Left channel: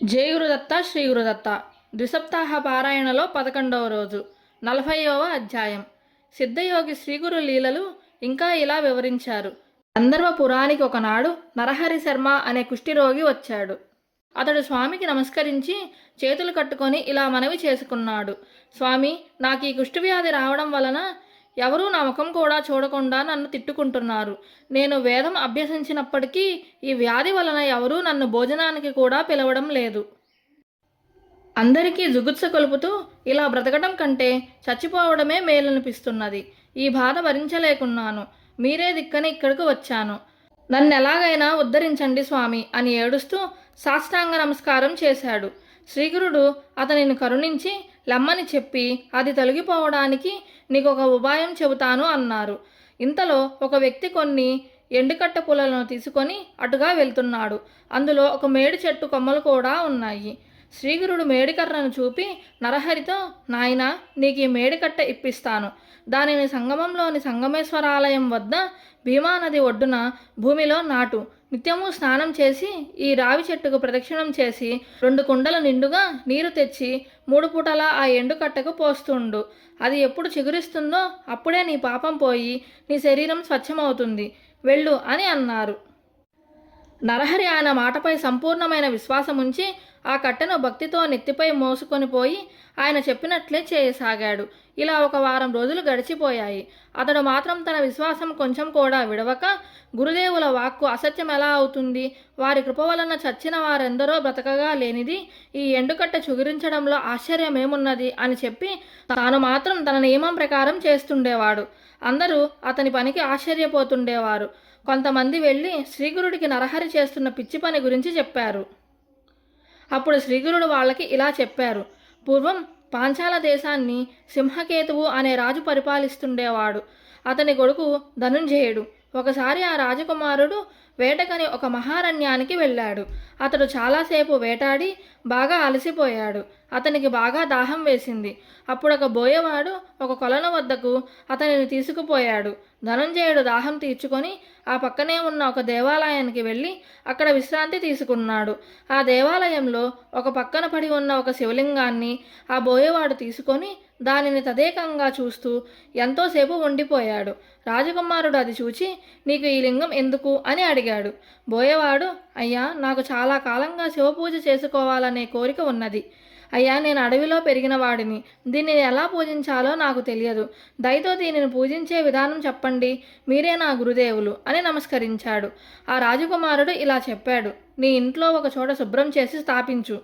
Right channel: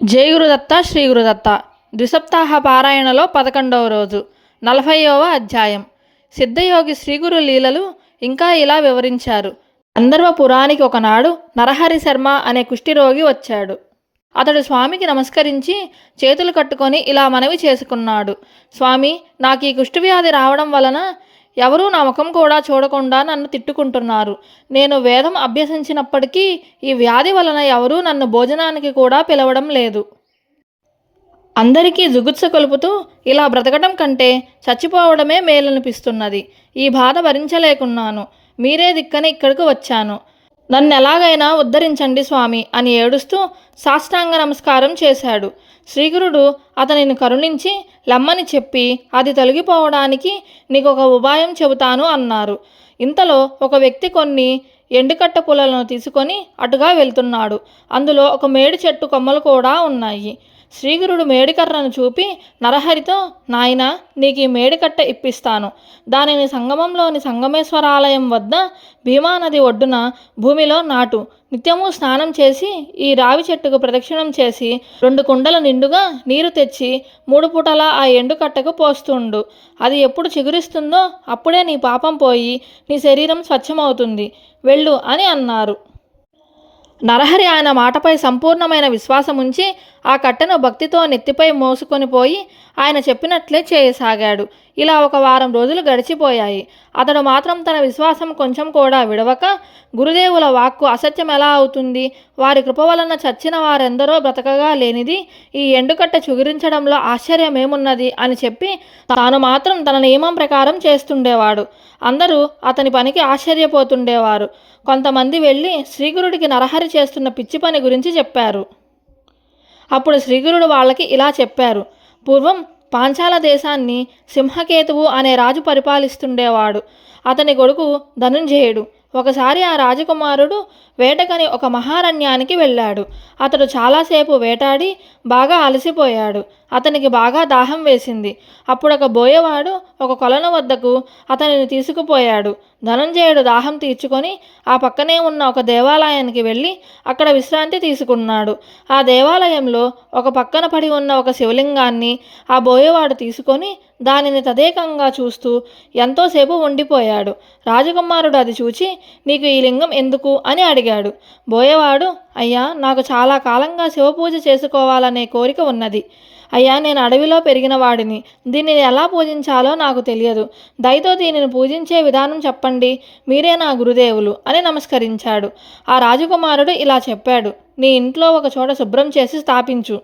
జై గురుదత్త శ్రీ గురుదత్త ద్విసప్తాహ పారాయణలో 11వ రోజు 40వ అధ్యాయం. సిద్ధయోగి శ్రీగురు లీలలు ఇంకా ఇలా వివరించారు. గంధర్వపురానికి ఒకనాడు నరహరి శర్మ అనే కుష్ఠిరోగి వచ్చాడు. అతడు స్వామికి నమస్కరించి చేతులు కట్టుకొని ఇలా మనవి చేసుకున్నాడు. స్వామి, నాకు ఈ కుష్ఠవ్యాధి రావడం వలన ఎవరూ నా ముఖం కూడా చూడకుండా నన్ను తిట్టుకుంటున్నారు. నేను వేదం అభ్యసించినప్పటికీ ఈ వ్యాధి వలన ఎవరూ నన్ను భోజనానికి కూడా పిలవడం లేదు. అందరికీ జుగుత్స కొలుపుతూ ఇలా బ్రతకడం కంటే చచ్చిపోవడమే మేలనిపిస్తున్నది. ఈ బాధ భరించలేకున్నాను. మీరే దిక్కని ఇక్కడికి వచ్చాను. నన్ను ఎలాగైనా ఉద్ధరించండి స్వామి అని ఏడుస్తూ సాష్టాంగ నమస్కారం చేశాడు. శ్రీగురుడు అతనిని కరుణించి లమ్మని చెప్పి అది తొలగిపోవడానికి నీకు ఒక ఉపాయం చెబుతాను అన్నారు. ఇంతలో ఒక వ్యక్తి కొన్ని ఎండుకట్ట పుల్లలను తీసుకొని అటుగా వెళ్తున్నాడు. అందులో ఒక మేడి చెట్టు కొమ్మలు కూడా ఉన్నాయి. శ్రీగురుడు మేడికర్రను చూపి నరహరితో, నాయనా, నీకు ఈ మేడికట్ట ఇప్పిస్తాను. దానిని సంగమంలోని సంగమేశ్వరాలయం వద్ద భీమానది ఒడ్డున భూమిలో నాటు. నిత్యము స్నానం చేసి ఈ రావి చెట్టుకు ప్రదక్షిణం చేసి 2 కుండల నిండుగా నీరు తెచ్చి 3 పూటలా ఆ ఎండుకట్టకు పోస్తుండు. అది ఎప్పుడు చిగురిస్తుందో అప్పుడే నీ పాపం పోయి నీ శరీరం స్వచ్ఛమవుతుంది. వెళ్ళు అని అన్నారు. నరహరి ఆయన మాటపై సంపూర్ణమైన విశ్వాసం ఉంచి ఆ కట్టెను భక్తితో నెత్తిపై మోసుకొని పోయి ఆయన చెప్పినట్లే చేయసాగాడు. ఇలా 1 వారం రోజులు గడిచిపోయాయి. అతడు మాత్రం తన విశ్వాసం కొంచెం కూడా విడవక, గురుదేవుల వాక్కు అసత్యం ఎలా అవుతుంది? వారి కృప వలన చచ్చిన వారెందరో బ్రతకగా లేనిది ఈ ఎండుకట్ట చిగురించడంలో ఆశ్చర్యమేమున్నది అని చెప్పి తాను మాత్రం తన నియమం ప్రకారం చేస్తుండేవాడు. అందరూ అతని పనికి ఆశ్చర్యపోతుండేవారు. కొంతమంది వెళ్ళి శ్రీగురుడికి నరహరి చేస్తున్న పిచ్చి పని గురించి చెప్పారు. అప్పుడు శ్రీగురుడు వాళ్ళకి ఇలా చెప్పారు. పూర్వం పాంచాల దేశాన్ని సింహకేతువు అనే రాజు పరిపాలిస్తుండేవాడు. అతని కొడుకు ధనుంజయుడు. ఒకసారి ఆ రాజకుమారుడు వేటకని ఒక మహారణ్యానికి వెళ్ళాడు. అతడు చాలాసేపు వేటాడి బాగా అలసిపోయాడు. అతనికి బాగా దాహం వేసింది. అప్పుడు ఒక బోయవాడు ఒక కొలను వద్దకు అతనిని తీసుకుపోయాడు. ధనుంజయుడు దాహం తీర్చుకొని ఆ పక్కనే ఉన్న ఒక దేవాలయానికి వెళ్ళి అక్కడ విశ్రాంతి తీసుకున్నాడు. ఆ దేవాలయంలో ఒక పక్కన పడి ఉన్న ఒక శివలింగాన్ని ఆ బోయవాడు తీసుకొని దానిని తదేకంగా చూస్తూ ఎంతోసేపు ఉండిపోయాడు. రాజకుమారుడు అది చూచి, నీకు ఈ లింగం ఎందుకు అని అడిగాడు. బోయవాడు, అయ్యా, నాకు చాలా కాలంగా శివపూజ చేసుకోవాలనే కోరిక ఉన్నది. అయ్యా, నేను అడవిలో పెరిగిన వాడిని. దీనిని ఎలా పూజించాలో నాకు తెలియదు. దయతో దీనిని పూజించే విధానం చెప్పండి. మీరే నా గురుదేవులు అని నమస్కరించాడు. ఆ రాజకుమారుడు ఇలా చెప్పాడు. నీ ఇంట్లో ఒక చోట శుభ్రం చేసి స్థాపించు.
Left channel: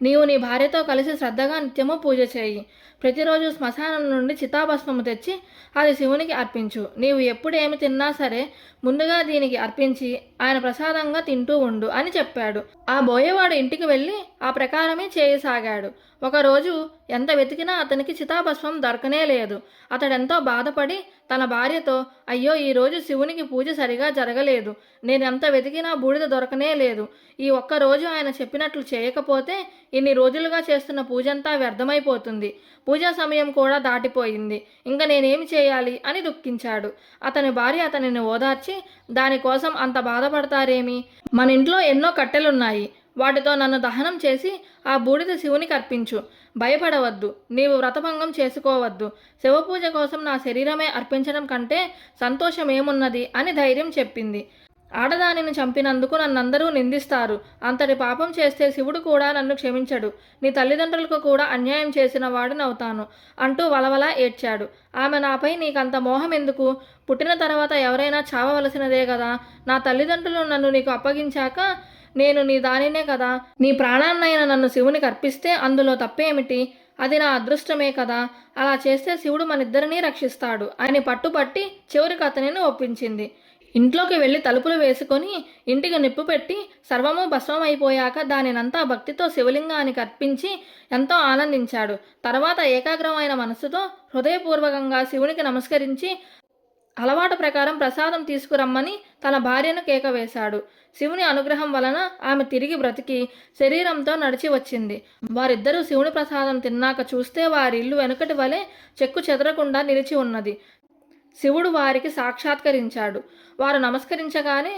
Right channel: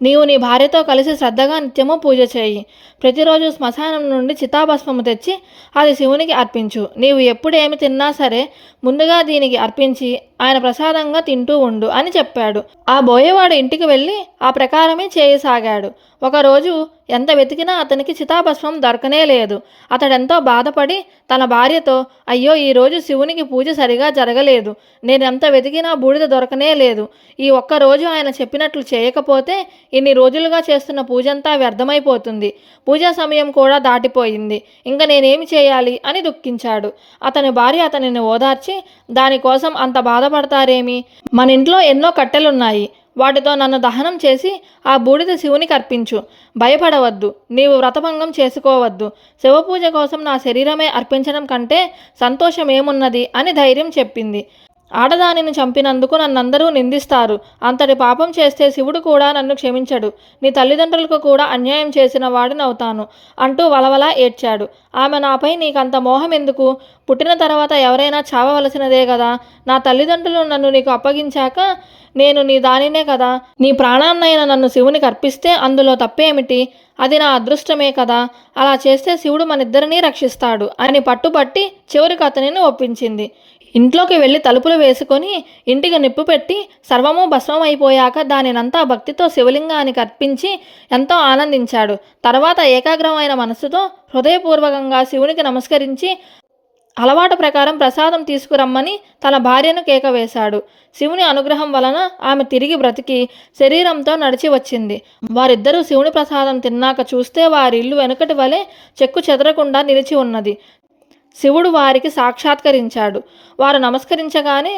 నీవు నీ భార్యతో కలిసి శ్రద్ధగా నిత్యము పూజ చేయి. ప్రతిరోజు శ్మశానం నుండి చితాభస్మము తెచ్చి అది శివునికి అర్పించు. నీవు ఎప్పుడు ఏమి తిన్నా సరే ముందుగా దీనికి అర్పించి ఆయన ప్రసాదంగా తింటూ ఉండు అని చెప్పాడు. ఆ బోయేవాడు ఇంటికి వెళ్ళి ఆ ప్రకారమే చేయసాగాడు. ఒకరోజు ఎంత వెతికినా అతనికి చితాభస్మం దొరకనే లేదు. అతడెంతో బాధపడి తన భార్యతో, అయ్యో, ఈరోజు శివునికి పూజ సరిగా జరగలేదు. నేనెంత వెతికినా బూడిద దొరకనే లేదు. ఈ ఒక్కరోజు ఆయన చెప్పినట్లు చేయకపోతే ఇన్ని రోజులుగా చేస్తున్న పూజంతా వ్యర్థమైపోతుంది. పూజా సమయం కూడా దాటిపోయింది. ఇంకా నేనేమి చేయాలి అని దుఃఖించాడు. అతని భార్య అతనిని ఓదార్చి, దానికోసం అంత బాధపడతారేమి? మన ఇంట్లో ఎన్నో కట్టెలున్నాయి. వాటితో నన్ను దహనం చేసి ఆ బూడిద శివునికి అర్పించు. భయపడవద్దు. నీవు వ్రతభంగం చేసుకోవద్దు. శివపూజ కోసం నా శరీరమే అర్పించడం కంటే సంతోషమేమున్నది అని ధైర్యం చెప్పింది. ఆడదానిని చంపినందుకు నన్నందరూ నిందిస్తారు. అంతటి పాపం చేస్తే శివుడు కూడా నన్ను క్షమించడు. నీ తల్లిదండ్రులకు కూడా అన్యాయం చేసిన వాడినవుతాను అంటూ వలవలా ఏడ్చాడు. ఆమె, నాపై నీకంత మోహం ఎందుకు? పుట్టిన తర్వాత ఎవరైనా చావవలసినదే కదా. నా తల్లిదండ్రులు నన్ను నీకు అప్పగించాక నేను నీ దానినే కదా. నీ ప్రాణాన్నైనా నన్ను శివునికి అర్పిస్తే అందులో తప్పేమిటి? అది నా అదృష్టమే కదా. అలా చేస్తే శివుడు మనిద్దరినీ రక్షిస్తాడు అని పట్టుపట్టి చివరికి అతనిని ఒప్పించింది. ఇంట్లోకి వెళ్ళి తలుపులు వేసుకొని ఇంటికి నిప్పు పెట్టి సర్వము భస్మం అయిపోయాక దానినంతా భక్తితో శివలింగానికి అర్పించి ఎంతో ఆనందించాడు. తర్వాత ఏకాగ్రమైన మనస్సుతో హృదయపూర్వకంగా శివునికి నమస్కరించి అలవాటు ప్రకారం ప్రసాదం తీసుకురమ్మని తన భార్యను కేక వేశాడు. శివుని అనుగ్రహం వలన ఆమె తిరిగి బ్రతికి శరీరంతో నడిచి వచ్చింది. వారిద్దరూ శివుని ప్రసాదం తిన్నాక చూస్తే వారి ఇల్లు వెనుకటి వలె చెక్కు చెదరకుండా నిలిచి ఉన్నది. శివుడు వారికి సాక్షాత్కరించాడు. వారు నమస్కరించగానే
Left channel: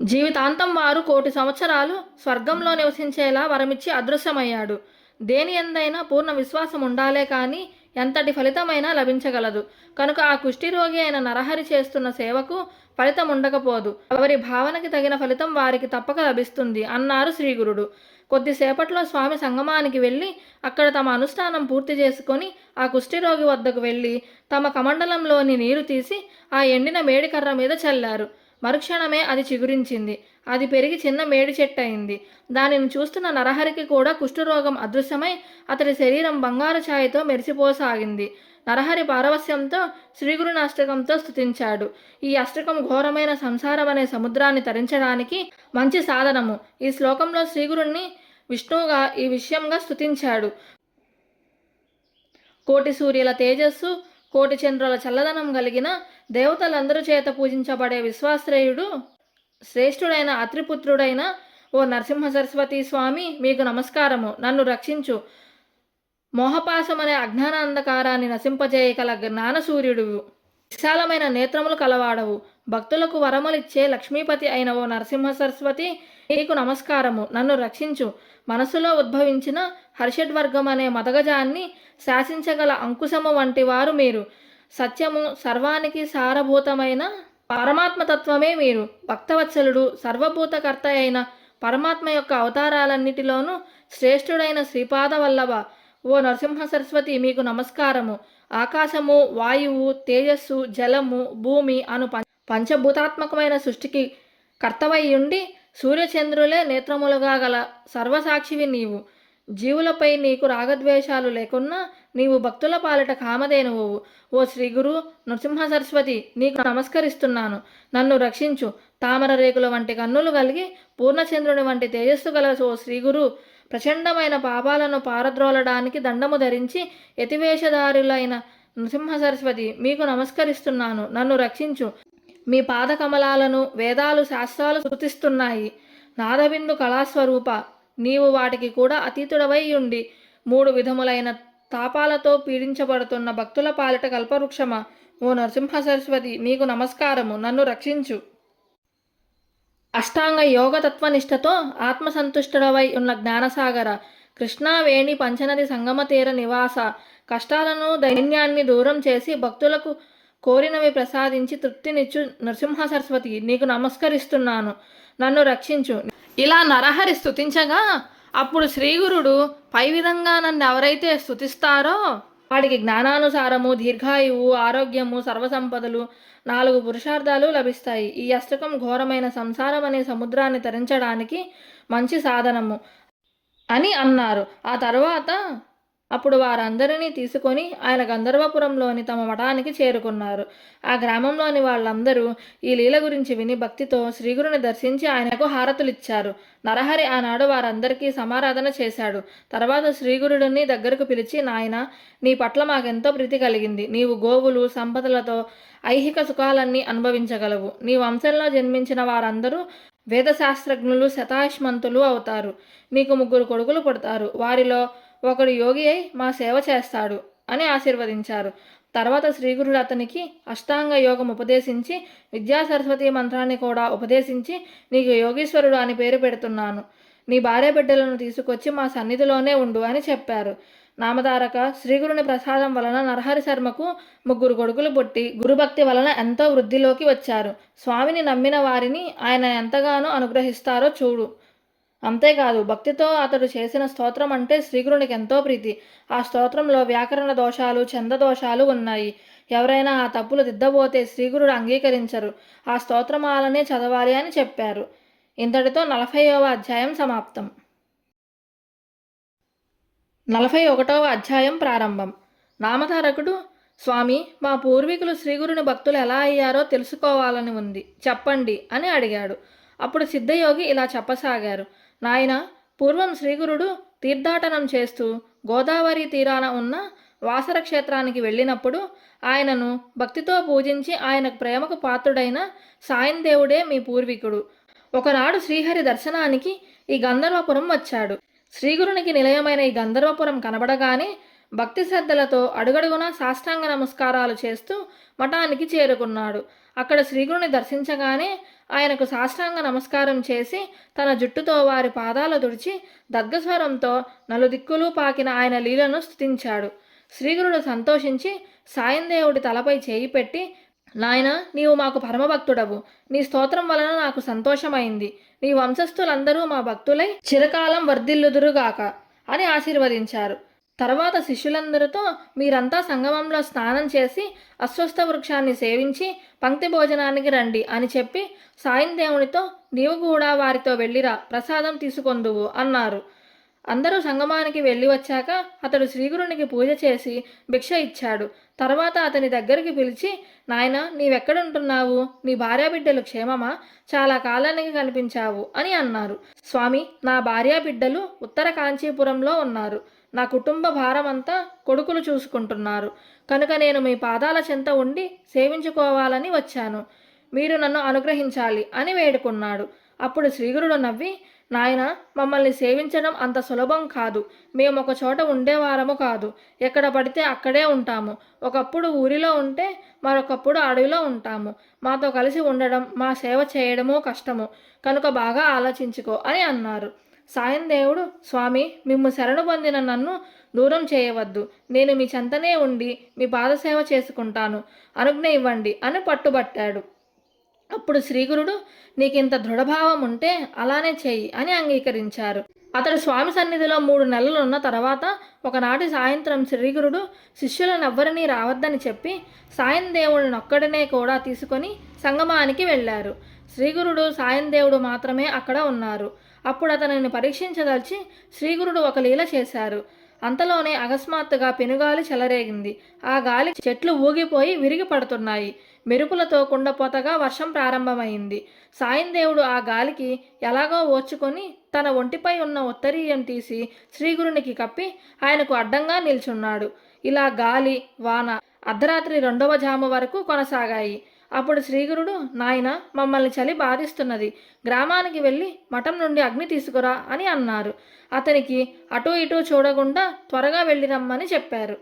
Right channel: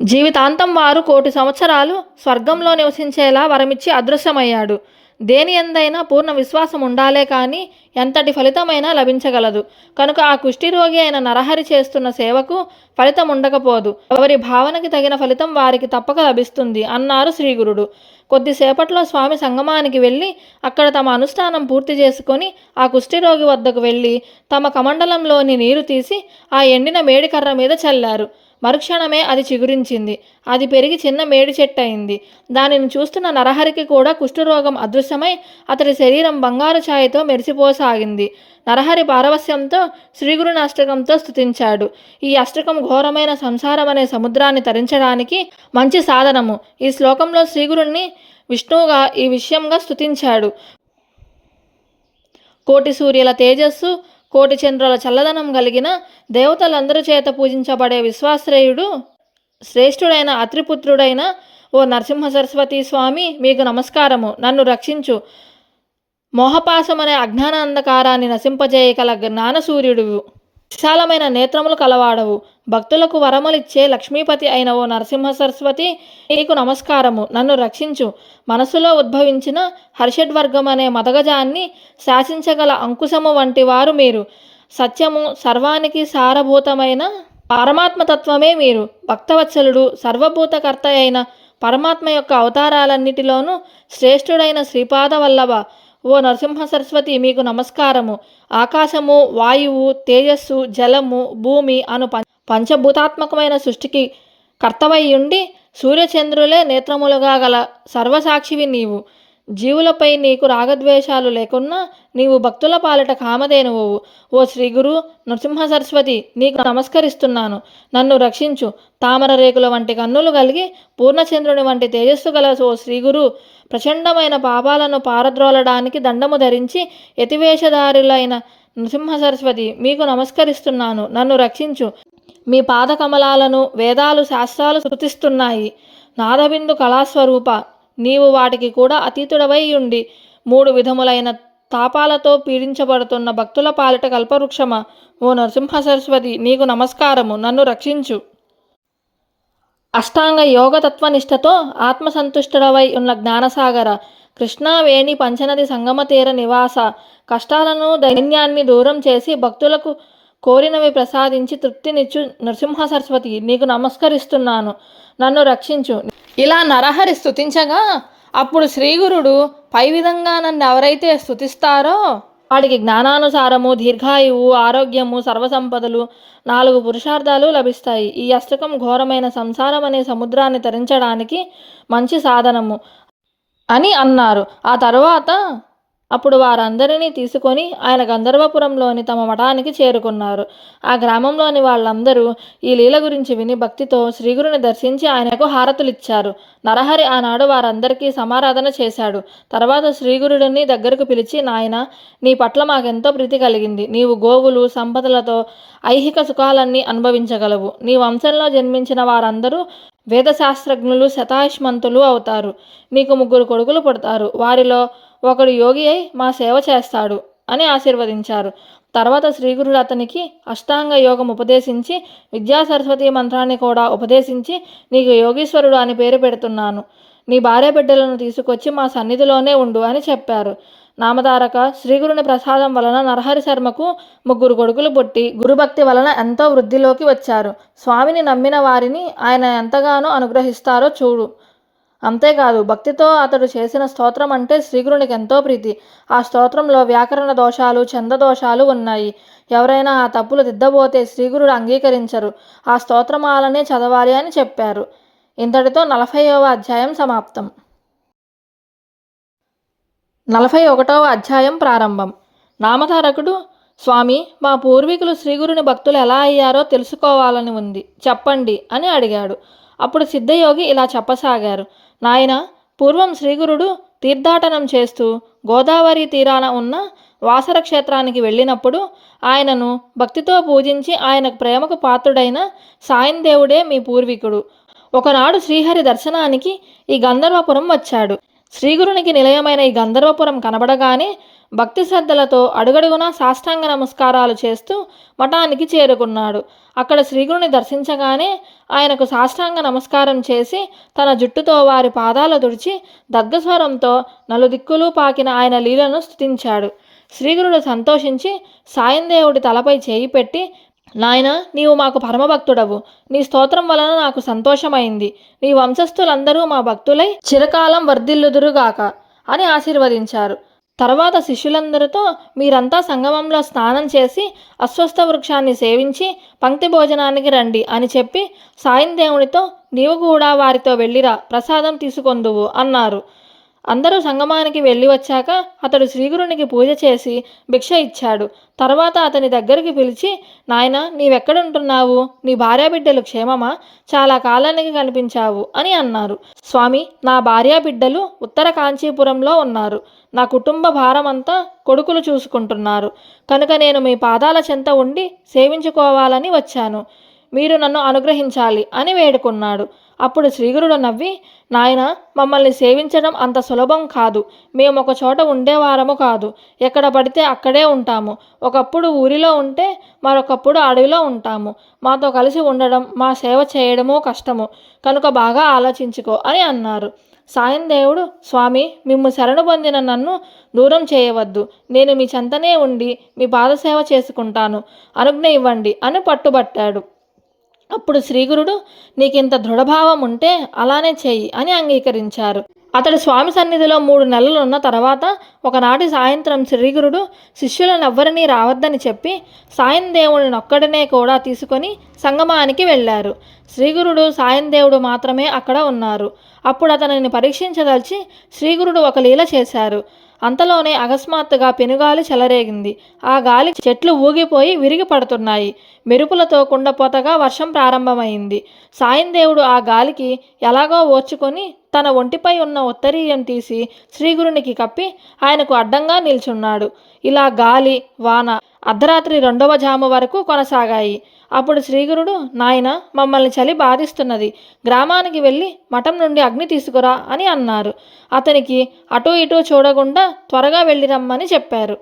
జీవితాంతం వారు 1,000 సంవత్సరాలు స్వర్గంలో నివసించేలా వరమిచ్చి అదృశ్యమయ్యాడు. దేని ఎందైనా పూర్ణ విశ్వాసం ఉండాలే కానీ ఎంతటి ఫలితమైనా లభించగలదు. కనుక ఆ కుష్ఠిరోగి అయిన నరహరి చేస్తున్న సేవకు ఫలితం ఉండకపోదు. ఎవరి భావనకి తగిన ఫలితం వారికి తప్పక లభిస్తుంది అన్నారు శ్రీగురుడు. కొద్దిసేపట్లో స్వామి సంగమానికి వెళ్ళి అక్కడ తమ అనుష్ఠానం పూర్తి చేసుకొని ఆ కుష్ఠిరోగి వద్దకు వెళ్ళి తమ కమండలంలోని నీరు తీసి ఆ ఎండిన మేడికర్ర మీద చల్లారు. మరుక్షణమే అది చిగురించింది. అది పెరిగి చిన్న మేడి చెట్టు అయింది. దానిని చూస్తున్న నరహరికి కూడా కుష్ఠరోగం అదృశ్యమై అతడి శరీరం బంగారు ఛాయతో మెరిసిపోసాగింది. నరహరి పారవస్యంతో శ్రీగురుని అష్టకంతో స్తుతించాడు. ఈ అష్టకం ఘోరమైన సంసారం అనే సముద్రాన్ని తరించడానికి మంచి సాధనము. ఈ శ్లోకంలో శ్రీగురుణ్ణి విష్ణువుగా ఈ విషయంగా స్తుతించాడు. 1,000 సూర్యుల తేజస్సు, 1,000 చంద్రుల చల్లదనం కలిగిన దేవతలందరి చేత పూజించబడే విశ్వాశ్రేయుడు శ్రేష్ఠుడైన అత్రిపుత్రుడైన ఓ నరసింహ సరస్వతి స్వామి, మీకు నమస్కారము. నన్ను రక్షించు. మోహపాశమనే అజ్ఞాన అంధకారాన్ని నశింపజేయగల జ్ఞానసూర్యుడు, విశాలమైన నేత్రములు కలవాడవు, భక్తులకు వరములిచ్చే లక్ష్మీపతి అయిన ఓ నరసింహ సరస్వతి, నీకు నమస్కారము. నన్ను రక్షించు. మనసులో ఉద్భవించిన హర్షడ్వర్గం అనే మదగజాన్ని శాసించగల అంకుశము వంటి వారు మీరు. సత్యము, సర్వానికి సారభూతమైన పరమాత్మతత్వమే మీరు. భక్తవత్సలుడు, సర్వభూతకర్త అయిన పరమాత్మ యొక్క అవతారాలన్నిటిలోనూ శ్రేష్ఠుడైన శ్రీపాద వల్లభ ఓ నరసింహ సరస్వతి, మీకు నమస్కారము. ఆకాశము, వాయువు, తేజస్సు, జలము, భూమి అను పంచభూతాత్మకమైన సృష్టికి కర్తవయ్యుండి సూర్యచంద్రులే నేత్రములుగా గల సర్వసాక్షివి నీవు. జీవులపై నీకు రాగద్వేషాలు లేకున్నా నీవు భక్తుల పాలిట కామధేనువు. ఓ శ్రీగురు నరసింహ సరస్వతి, నీకు నమస్కరిస్తున్నాను. నన్ను రక్షించు. తామర రేకుల వంటి కన్నులు కలిగి పూర్ణచంద్రుని వంటి తేజస్సు గల ఓ శ్రీగురు, ప్రచండమైన పాపాలను పారద్రోలడానికి దండము ధరించి యతివేషధారులైన నరసింహ సరస్వతి, మీకు నమస్కరిస్తున్నాను. నన్ను రక్షించు. మీ పాదకమలాలను వేదాలు శాస్త్రాలు స్తుతిస్తున్నాయి. నాదబిందు కళాస్వరూప, నీవు వాటికి కూడా అతీతుడవై ఉండి 3 విధములైన తాపాలతో పీడించబడుతున్న భక్తుల పాలిట కల్పవృక్షమా ఓ నరసింహ సరస్వతి, నీకు నమస్కారము. నన్ను రక్షించు. అష్టాంగ యోగ తత్వనిష్టతో ఆత్మసంతుష్టుడవై ఉన్న జ్ఞానసాగర, కృష్ణావేణి పంచనది సంగమ తీర నివాస, కష్టాలను దైన్యాన్ని దూరం చేసి భక్తులకు కోరినవి ప్రసాదించి తృప్తినిచ్చు నరసింహ సరస్వతి, నీకు నమస్కరిస్తున్నాను. నన్ను రక్షించు. ఇలా నరహరి స్తుతించగా అప్పుడు శ్రీగురుడు, పై విధంగా నన్ను ఎవరైతే స్తుతిస్తారో వాడికి జ్ఞానానుసారము, దీర్ఘాయువు, ఆరోగ్యము, సర్వసంపదలు, 4 పురుషార్థాలు లభిస్తాయి. ఈ అష్టకం ఘోరమైన సంసారం అనే సముద్రాన్ని తరించడానికి మంచి సాధనము అని అన్నారు. ఆ తరువాత అప్పుడు వారందరినీ తీసుకొని ఆయన గంధర్వపురంలోని తమ మఠానికి చేరుకున్నారు. ఆ గ్రామంలోని వాళ్ళందరూ ఈ లీల గురించి విని భక్తితో శ్రీగురుని దర్శించి ఆయనకు హారతులిచ్చారు. నరహరి ఆనాడు వారందరికీ సమారాధన చేశాడు. తర్వాత శ్రీగురుడిని దగ్గరకు పిలిచి, నాయన, నీ పట్ల మాకెంతో ప్రీతి కలిగింది. నీవు గోవులు, సంపదలతో ఐహిక సుఖాలన్నీ అనుభవించగలవు. నీ వంశంలో జన్మించిన వారందరూ వేదశాస్త్రజ్ఞులు, శతాయుష్మంతులు అవుతారు. నీకు 3 కొడుకులు పుడతారు. వారిలో ఒకడు యోగి అయి మా సేవ చేస్తాడు అని ఆశీర్వదించారు. తర్వాత శ్రీగురుడు అతనికి అష్టాంగ యోగం ఉపదేశించి విద్యా సరస్వతి మంత్రాన్ని కూడా ఉపదేశించి, నీకు యోగీశ్వరుడు అని పేరు పెడుతున్నాను. నీ భార్య బిడ్డలను తీసుకొచ్చి మా సన్నిధిలోనే ఉండు అని చెప్పారు. నామధారక శ్రీగురుని ప్రసాదం వలన నరహరి శర్మకు 3 కొడుకులు పుట్టి గురుభక్తి వలన ఎంతో వృద్ధిలోకి వచ్చారు. స్వామిని నమ్మిన వారిని ఆయన ఎంతగానో అనుగ్రహిస్తారో చూడు. అంతేకాదు, భక్తితో అతడు చేసిన స్తోత్రం అంటే శ్రీగురునికి ఎంతో ప్రీతి. ఆ స్తోత్రంలో వ్యాకరణ దోషాలు, ఛందదోషాలు ఉన్నాయి. ఎవరైనా ఆ తప్పులు దిద్దబోతే శ్రీగురుడు అంగీకరించరు. ఆ స్తోత్రమాలనే చదవాలి అని చెప్పారు. ఇంతటితో 40వ అధ్యాయం సమాప్తం. 41వ అధ్యాయం ప్రారంభం. నామధారకుడు, స్వామి, మా పూర్వీకులు శ్రీగురుని భక్తులు ఎలా అయ్యారో తెలుసుకోవాలని ఉంది, చెప్పండి అని అడిగాడు. అప్పుడు సిద్ధయోగి ఇలా చెప్పసాగారు. నాయన, పూర్వం శ్రీగురుడు తీర్థాటనం చేస్తూ గోదావరి తీరాన ఉన్న వాసర క్షేత్రానికి వెళ్ళినప్పుడు ఆయనను భక్తితో పూజించి ఆయనకు ప్రేమకు పాత్రుడైన సాయందేవుడే మీ పూర్వీకుడు. ఒకనాడు శ్రీహరి దర్శనానికి ఈ గంధర్వపురం వచ్చాడు. శ్రీగురునికి నిలయమైన ఈ గంధర్వపురం కనబడగానే భక్తి శ్రద్ధలతో అడుగడుగునా సాష్టాంగ నమస్కారాలు చేస్తూ మఠానికి చేరుకున్నాడు. అక్కడ శ్రీగురుని దర్శించగానే ఆయనకు సాష్టాంగ నమస్కారం చేసి తన జుట్టుతో వారి పాదాలు తుడిచి దగ్గస్వరంతో నలుదిక్కులు పాకిన ఆయన లీలను స్తుతించాడు. శ్రీగురుడు సంతోషించి సాయందేవుడి తలపై చేయి పెట్టి, నాయనా, నీవు మాకు పరమభక్తుడవు. నీ స్తోత్రం వలన నాకు సంతోషమైంది. నీ వంశస్థులందరూ మా భక్తులై చిరకాలం వర్ధిల్లుదురుగాక అని ఆశీర్వదించారు. తర్వాత శిష్యులందరితో, మీరంతా సంగమంలో స్నానం చేసి అశ్వత్థ వృక్షాన్ని సేవించి పంక్తి భోజనానికి రండి అని చెప్పి సాయందేవునితో, నీవు కూడా వారితో వెళ్ళిరా, ప్రసాదం తీసుకొందువు అన్నారు. అందరూ సంగమానికి వెళ్ళి వచ్చాక అతడు శ్రీగురునికి పూజ చేసి భిక్ష ఇచ్చాడు. తర్వాత అతని దగ్గరికి పిలిచి, నాయనా, నీవెక్కడుంటున్నావు? నీ భార్యాబిడ్డలు క్షేమమా? చాలా కాలానికి కనిపించావు అని అన్నారు. స్వామి, నా భార్యాబిడ్డలు ఉత్తర కాంచీపురంలో ఉన్నారు. నా కుటుంబ భారమంతా కొడుకులు చూసుకుంటున్నారు. కనుక నేను మీ పాదాల చెంత ఉండి సేవించుకోవాలని వచ్చాను. మీరు నన్ను అనుగ్రహించాలి అని వేడుకున్నాడు. అప్పుడు శ్రీగురుడు నవ్వి, నాయనా, మమ్మల్ని సేవించడం అంత సులభం కాదు. మేము ఒక చోట ఉండేవారము కాదు. ఎక్కడ పడితే అక్కడే ఉంటాము. ఒకప్పుడు ఊరిలో ఉంటే మరొకప్పుడు అడవిలో ఉంటాము. మాతో కలిసి ఉండడం, మా సేవ చేయడమూ కష్టము. కనుక బాగా ఆలోచించుకో అని అన్నారు. సాయందేవుడు, స్వామి, మిమ్ము శరణు పొందిన నన్ను దూరం చేయవద్దు. నేను మీ చెంతనే ఉండి మీ పాదసేవ చేసుకుంటాను. అనుజ్ఞ ఇవ్వండి అని పట్టుబట్టాడు. అప్పుడు శ్రీగురుడు, నీకింత దృఢభావం ఉంటే అలానే చెయ్యి అని అంగీకరించారు. అతడు స్వామి సన్నిధిలో 3 నెలలున్న తర్వాత ఒకనాటి సాయంత్రం శ్రీగురుడు శిష్యులనెవ్వరినీ రావద్దని చెప్పి సాయందేవుడినొక్కడినే కూడా తీసుకొని సంగమానికి వెళ్ళారు. శ్రీగురుడు సాయందేవుడు మాత్రమే అక్కడ ఉన్నారు. అప్పుడు అతనిని పరీక్షించదలిచి శ్రీగురుడు ఒక లీల చేశారు. అంతలోనే అకస్మాత్తుగా పెనుగాలి చెలరేగింది. ఆ గాలి చెట్లు ఊగిపోయి విరిగి పడుతున్నాయి. మెరుపులతో కుండపోతగా వర్షం ప్రారంభమైంది. సాయందేవుడు ఆ గాలికి ఎలాగో ఓర్చుకొని తన ఒంటిపై ఉన్న ఉత్తరీయం తీసి శ్రీగురునికి కప్పి ఆయనకు అడ్డంగా నిల్చున్నాడు. ఇలా గాలి, వాన అర్ధరాత్రి 2వ జాము వరకు కొనసాగాయి. అప్పుడు శ్రీగురుడు, నాయన, మమ్మల్ని చలి బాధిస్తున్నది. గ్రామానికి వెళ్ళి మఠం నుండి అగ్ని తీసుకురా అని అన్నారు. అతనికి అటూ ఇటూ చూడకుండా త్వరగా వెళ్ళి రమ్మని చెప్పారు.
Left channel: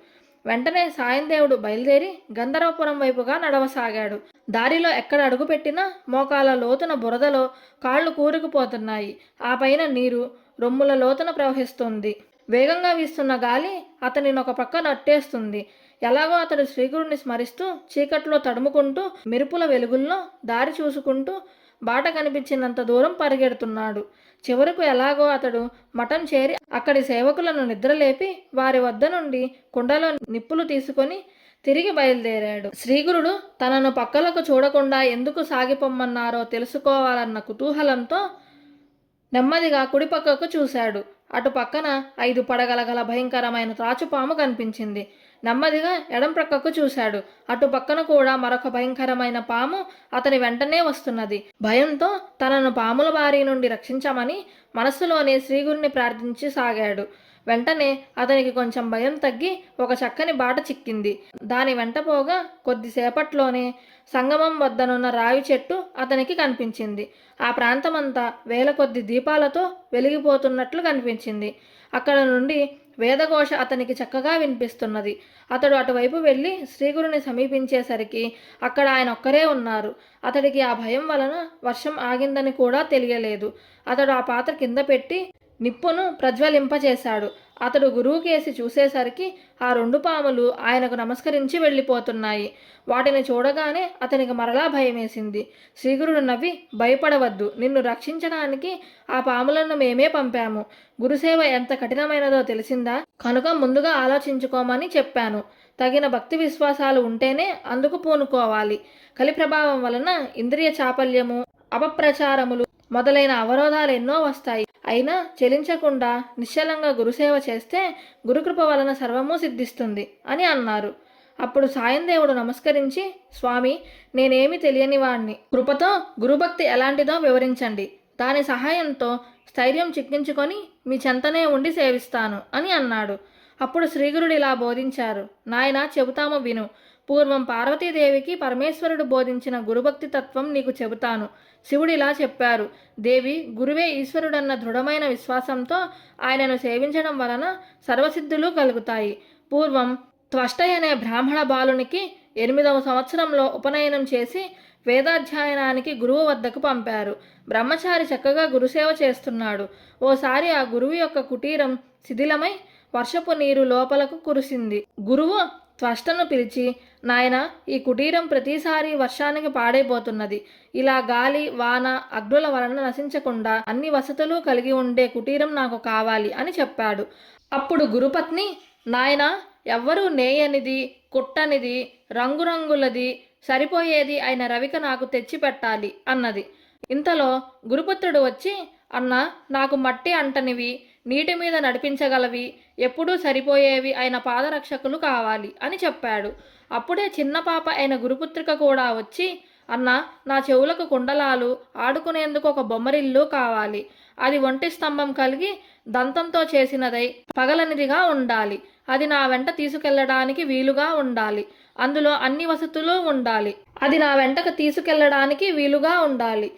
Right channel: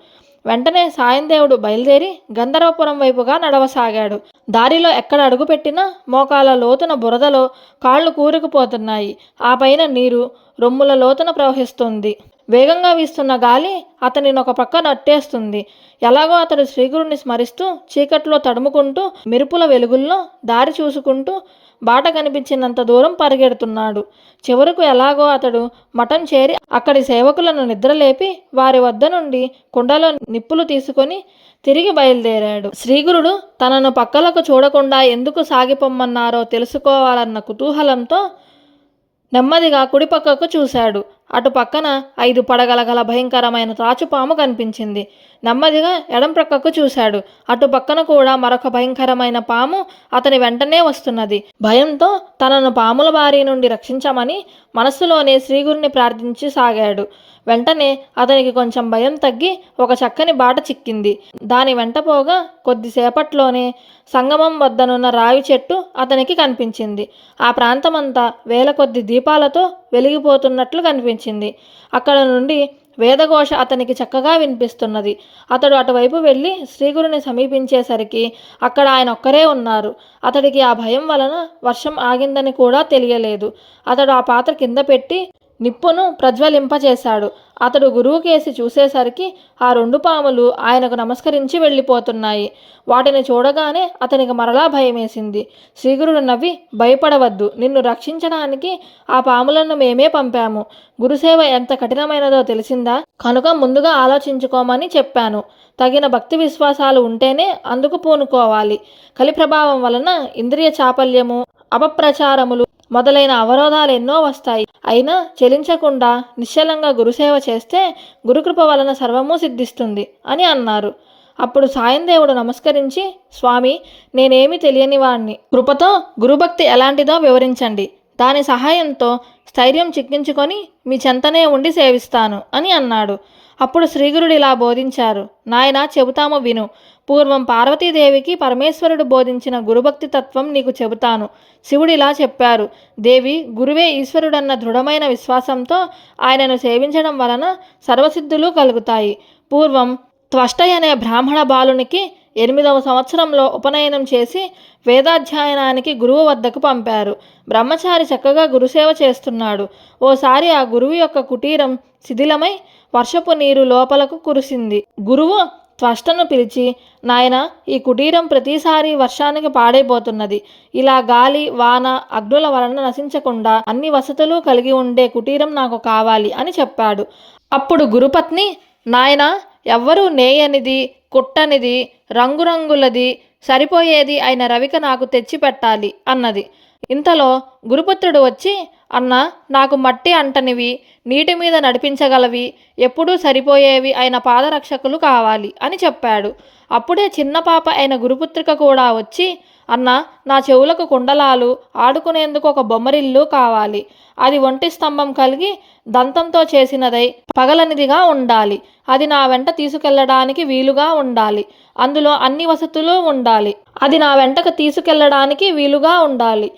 వెంటనే సాయందేవుడు బయలుదేరి గంధర్వపురం వైపుగా నడవసాగాడు. దారిలో ఎక్కడ అడుగుపెట్టినా మోకాల లోతున బురదలో కాళ్ళు కూరుకుపోతున్నాయి. ఆ పైన నీరు రొమ్ముల లోతున ప్రవహిస్తుంది. వేగంగా వీస్తున్న గాలి అతనిని ఒక పక్క నట్టేస్తుంది. ఎలాగో అతడు శ్రీగురుని స్మరిస్తూ చీకట్లో తడుముకుంటూ మెరుపుల వెలుగుల్లో దారి చూసుకుంటూ బాట కనిపించినంత దూరం పరిగెడుతున్నాడు. చివరకు ఎలాగో అతడు మఠం చేరి అక్కడి సేవకులను నిద్రలేపి వారి వద్ద నుండి కుండలో నిప్పులు తీసుకొని తిరిగి బయలుదేరాడు. శ్రీగురుడు తనను పక్కలకు చూడకుండా ఎందుకు సాగిపోమ్మన్నారో తెలుసుకోవాలన్న కుతూహలంతో నెమ్మదిగా కుడిపక్కకు చూశాడు. అటు పక్కన 5 పడగల గల భయంకరమైన త్రాచుపాము కనిపించింది. నెమ్మదిగా ఎడం ప్రక్కకు చూశాడు. అటు పక్కన కూడా మరొక భయంకరమైన పాము అతని వెంటనే వస్తున్నది. భయంతో తనను పాముల బారి నుండి రక్షించమని మనస్సులోనే శ్రీగురుని ప్రార్థించి సాగాడు. వెంటనే అతనికి కొంచెం భయం తగ్గి ఒక చక్కని బాట చిక్కింది. దాని వెంట పోగా కొద్దిసేపట్లోనే సంగమం వద్దనున్న రావి చెట్టు అతనికి కనిపించింది. ఆ ప్రాంతమంతా వేల కొద్ది దీపాలతో వెలిగిపోతున్నట్లు కనిపించింది. అక్కడ నుండి వేదఘోష అతనికి చక్కగా వినిపిస్తున్నది. అతడు అటువైపు వెళ్ళి శ్రీగురుని సమీపించేసరికి అక్కడ ఆయన ఒక్కరే ఉన్నారు. అతడికి ఆ భయం వలన వర్షం ఆగిందని కూడా తెలియలేదు. అతడు ఆ పాత్ర కింద పెట్టి నిప్పును ప్రజ్వలింపచేశాడు. అతడు గురువుకేసి చూసేసరికి ఆ 2 పాములు ఆయనకు నమస్కరించి వెళ్ళిపోతున్నాయి. వాటిని చూడగానే అతనికి మరలా భయమేసింది. శ్రీగురుడు నవ్వి, భయపడవద్దు, నిన్ను రక్షించడానికి ఆ పాములను మేమే పంపాము. గురుసేవ ఎంత కఠినమైనదో తెలిసిందా? కనుక ముందుగా ఆలోచించుకోమని చెప్పాను. తగిన భక్తి విశ్వాసాలు ఉంటేనే అందుకు పూనుకోవాలి. కలి ప్రభావం వలన ఇంద్రియ చాపల్యము, అపప్రచారములు మొదలైన అవరోధాలు ఎన్నో వస్తాయి. అయినా చెలించకుండా నిశ్చలంగా గురుసేవ చేస్తే గురుకృప వలన సర్వము సిద్ధిస్తుంది అని అన్నారు. అప్పుడు సాయందేవుడు నమస్కరించి, స్వామి, నేనేమి తెలియని వాణ్ణి. కృపతో గురుభక్తి ఎలాంటిదో వివరించండి. దాని సహాయంతో స్థైర్యం చిక్కించుకొని మీ చెంతనే ఉండి సేవిస్తాను అని అన్నాడు. అప్పుడు శ్రీగురుడు ఇలా బోధించారు. నాయనా, చెబుతాము విను. పూర్వం పార్వతీదేవికి పరమేశ్వరుడు బోధించిన గురుభక్తి తత్వం నీకు చెబుతాను. శివుడు ఇలా చెప్పారు. దేవి, గురువే ఈశ్వరుడన్న దృఢమైన విశ్వాసంతో ఆయనను సేవించడం వలన సర్వసిద్ధులు కలుగుతాయి. పూర్వం త్వష్టయ అనే బ్రాహ్మణ బాలునికి 8వ సంవత్సరంలో ఉపనయనం చేసి వేదాధ్యయనానికి గురువు వద్దకు పంపారు. బ్రహ్మచారి చక్కగా గురుసేవ చేస్తున్నాడు. ఓసారి ఆ గురువు యొక్క కుటీరం శిథిలమై వర్షపు నీరు లోపలకు కురిసింది. గురువు త్వష్టను పిలిచి, నాయన, ఈ కుటీరం ప్రతిసారి వర్షానికి పాడైపోతున్నది. ఇలా గాలి, వాన, అగ్నుల వలన నశించకుండా అన్ని వసతులు కలిగి ఉండే కుటీరం నాకు కావాలి అని చెప్పాడు. అప్పుడు గురుపత్ని, నాయన, ఎవ్వరూ నేయనిది, కుట్టనిది, రంగురంగులది, సరిపోయేది అయిన రవిక నాకు తెచ్చి పెట్టాలి అన్నది. ఇంతలో గురుపుత్రుడు వచ్చి, అన్న, నాకు మట్టి అంటనివి, నీటి మీద నడిపించగలవి, ఎప్పుడూ సరిపోయేవి అయిన పాదరక్షకులు కావాలి అని చెప్పాడు. అప్పుడే చిన్న పాప అయిన గురుపుత్రిక కూడా వచ్చి, అన్న, నా చెవులకు కుండలాలు, ఆడుకునేందుకు ఒక బొమ్మరిల్లు కావాలి. అది ఒంటి స్తంభం కలిగి దంతంతో చేసినదై పగలనిదిగా ఉండాలి. అది నా వెంట తీసుకెళ్లడానికి వీలుగా ఉండాలి. అందులో అన్ని వసతులు ఉండాలి. అది నా వెంటకు తీసుకెళ్లడానికి వీలుగా ఉండాలి.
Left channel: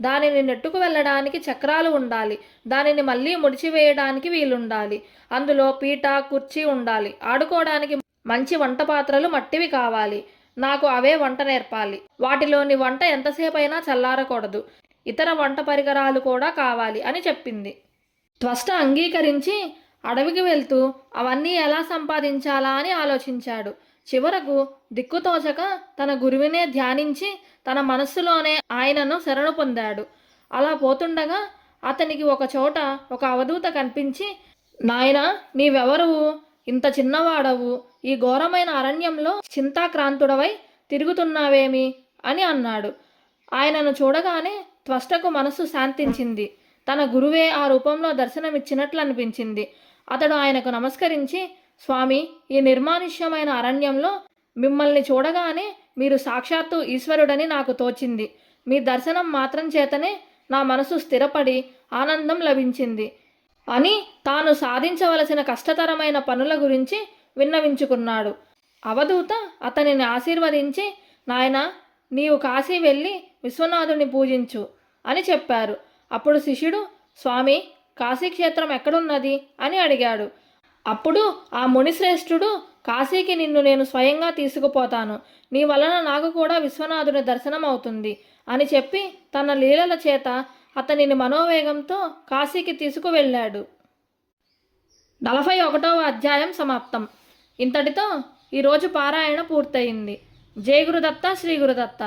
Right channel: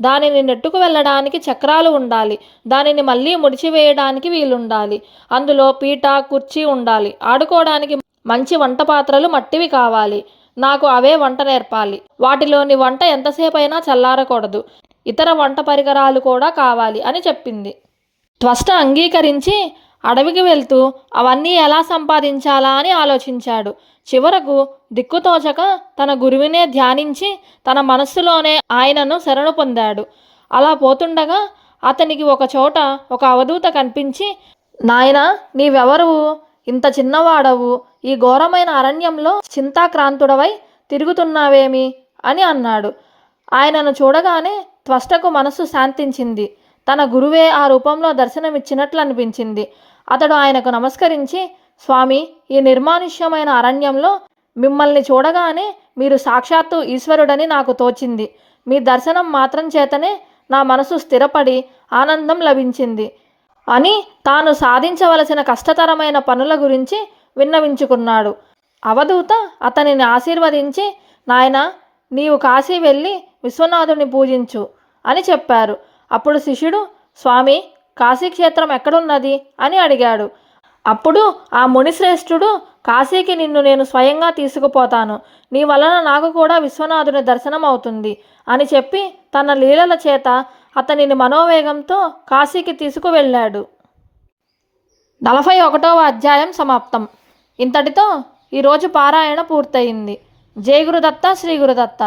దానిని నెట్టుకు వెళ్ళడానికి చక్రాలు ఉండాలి. దానిని మళ్ళీ ముడిచివేయడానికి వీలుండాలి. అందులో పీట, కుర్చీ ఉండాలి. ఆడుకోవడానికి మంచి వంట పాత్రలు మట్టివి కావాలి. నాకు అవే వంట నేర్పాలి. వాటిలోని వంట ఎంతసేపైనా చల్లారకూడదు. ఇతర వంట పరికరాలు కూడా కావాలి అని చెప్పింది. త్వష్ట అంగీకరించి అడవికి వెళ్తూ అవన్నీ ఎలా సంపాదించాలా అని ఆలోచించాడు. చివరకు దిక్కుతోచక తన గురువునే ధ్యానించి తన మనస్సులోనే ఆయనను శరణు పొందాడు. అలా పోతుండగా అతనికి ఒక చోట ఒక అవధూత కనిపించి, నాయనా, నీవెవరువు? ఇంత చిన్నవాడవు, ఈ ఘోరమైన అరణ్యంలో చింతాక్రాంతుడవై తిరుగుతున్నావేమి అని అన్నాడు. ఆయనను చూడగానే త్వష్టకు మనస్సు శాంతించింది. తన గురువే ఆ రూపంలో దర్శనమిచ్చినట్లు అనిపించింది. అతడు ఆయనకు నమస్కరించి, స్వామి, ఈ నిర్మానుష్యమైన అరణ్యంలో మిమ్మల్ని చూడగానే మీరు సాక్షాత్తు ఈశ్వరుడని నాకు తోచింది. మీ దర్శనం మాత్రం చేతనే నా మనసు స్థిరపడి ఆనందం లభించింది అని తాను సాధించవలసిన కష్టతరమైన పనుల గురించి విన్నవించుకున్నాడు. అవధూత అతనిని ఆశీర్వదించి, నాయనా, నీవు కాశీ వెళ్ళి విశ్వనాథుని పూజించు అని చెప్పారు. అప్పుడు శిష్యుడు, స్వామి, కాశీక్షేత్రం ఎక్కడున్నది అని అడిగాడు. అప్పుడు ఆ మునిశ్రేష్ఠుడు, కాశీకి నిన్ను నేను స్వయంగా తీసుకుపోతాను. నీ వలన నాకు కూడా విశ్వనాథుని దర్శనం అవుతుంది అని చెప్పి తన లీలల చేత అతనిని మనోవేగంతో కాశీకి తీసుకువెళ్ళాడు. 41వ అధ్యాయం సమాప్తం. ఇంతటితో ఈరోజు పారాయణ పూర్తయింది. జై గురుదత్త, శ్రీ గురుదత్త.